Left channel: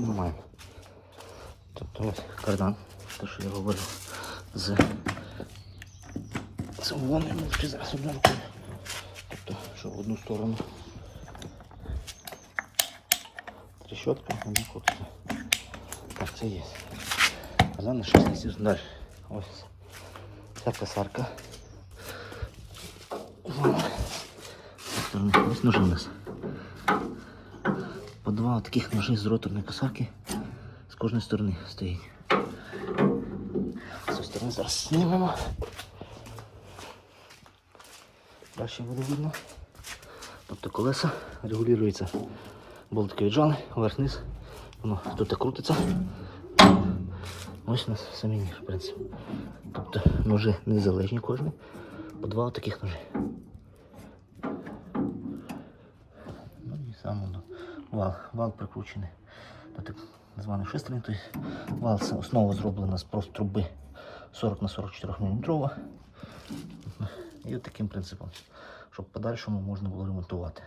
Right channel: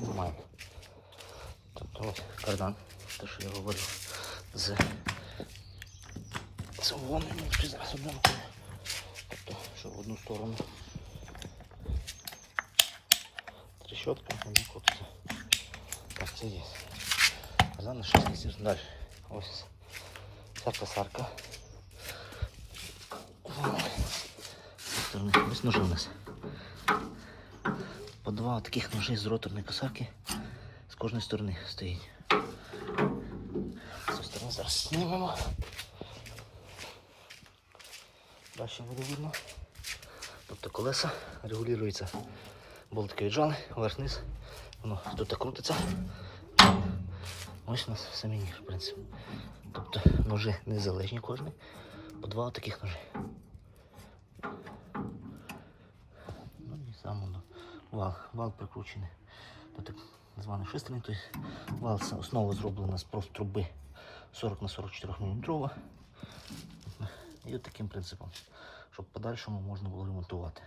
маємо. Тобто кардан, те, що я говорив, з самогоном, тільки зараз одну. Тобто, що в одну сторону. Трещотка, вона крутиться. Так, це є. Кардан на 6 місяців далі. Ось ця косарка. Ось ножи у нас. По два таких ножі з роторної косарки з кожної сторони стоїть. З зараз знімемо. Краще буде видно. Тобто колеса регулюються. Болтики віджали, вверх-низ. Воно тут крутиться. Ось у нас самі, в принципі. Тобто ножи незалежні кожні. По два таких ножі. Вал, вал прикручений до так званої шестерні. Тобто вал це основа зроблена з просто труби 40 на 44 мм. І от таким принципом, щоб в подальшому можна було ремонтувати.